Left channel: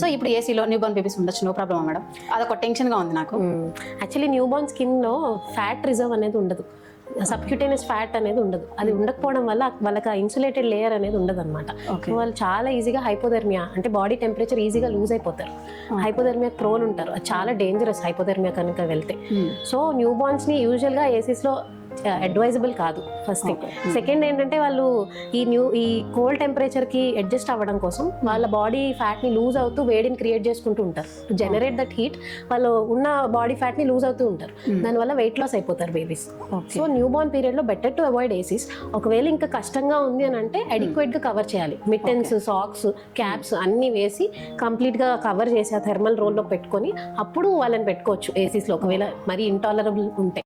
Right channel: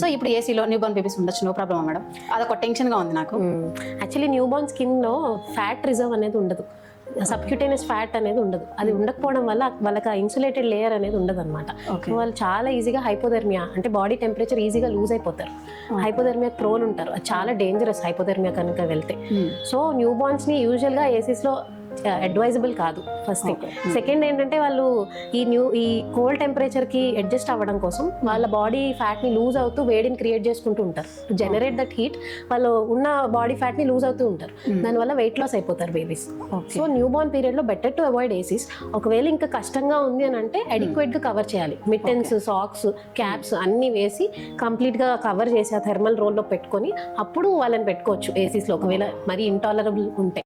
So ఇప్పుడు ఏసీలో new born babies ఉండొచ్చు, నో ప్రాబ్లమ్ మేడం. అదొక టెన్షన్గా ఉంది నాకు. యాక్చువల్లీ న్యూ బార్న్ స్కిన్లో ఫ్యాట్ రిజర్వ్ అనేది ఉండదు, సబ్క్యూటేనియస్ ఫ్యాట్ అనేది ఉండదు. అది ఉండకపోవడం వల్ల వాళ్ళకి ఆ ఇన్సులేటెడ్ లేయర్ అనేది ఉండదు అనమాట. వాళ్ళు చాలా ఈజీగా హైపోథెర్మియా అంటే బాడీ టెంపరేచర్ ఈజీగా లూజ్ అయిపోతారు, హైపోథెర్మియా ప్రోన్ ఉంటారు. అది చాలా డేంజరస్ హైపోథెర్మియా కనుక వెళ్తే. సో న్యూ బార్న్స్ ని యూజువల్ గా ఏసీస్ లో అడ్వైజబుల్ కాదు ఫస్ట్ థింగ్. సెకండ్ ఏంటంటే వాళ్ళు ఈ కోల్డ్ టెంపరేచర్ కి అడ్జస్ట్ అవ్వడం కోసం వాళ్ళ బాడీ ఫ్యాట్ ని లూజ్ అవుతూ వేడిని క్రియేట్ చేసుకుంటూ ఉంటారు. జనరేట్ దట్ హీట్, వాళ్ళు ఉన్న బాడీ ఫ్యాట్ ని లూజ్ అవుతూ ఉంటారు. దానివల్ల వెయిట్ లాస్ అయిపోతారు babies. So new born period లో బెటర్ టు అవాయిడ్ ఏసీస్. ఒకవేళ ఇంకా కష్టంగా ఉంది అని అంటే అడిక్వేట్ గా కవర్ చేయాలి. మిట్టెన్స్, సాక్స్, క్యాప్స్ అన్ని వేసి కంప్లీట్ గా కవర్ చేసి ఆ థర్మల్ రోల్ లో పెట్టుకొని అప్పుడు వాళ్ళని పెట్టుకోవచ్చు ఏసీస్ లో, ఒకవేళ మరీ ఇంటాలరబుల్ ఉంటే.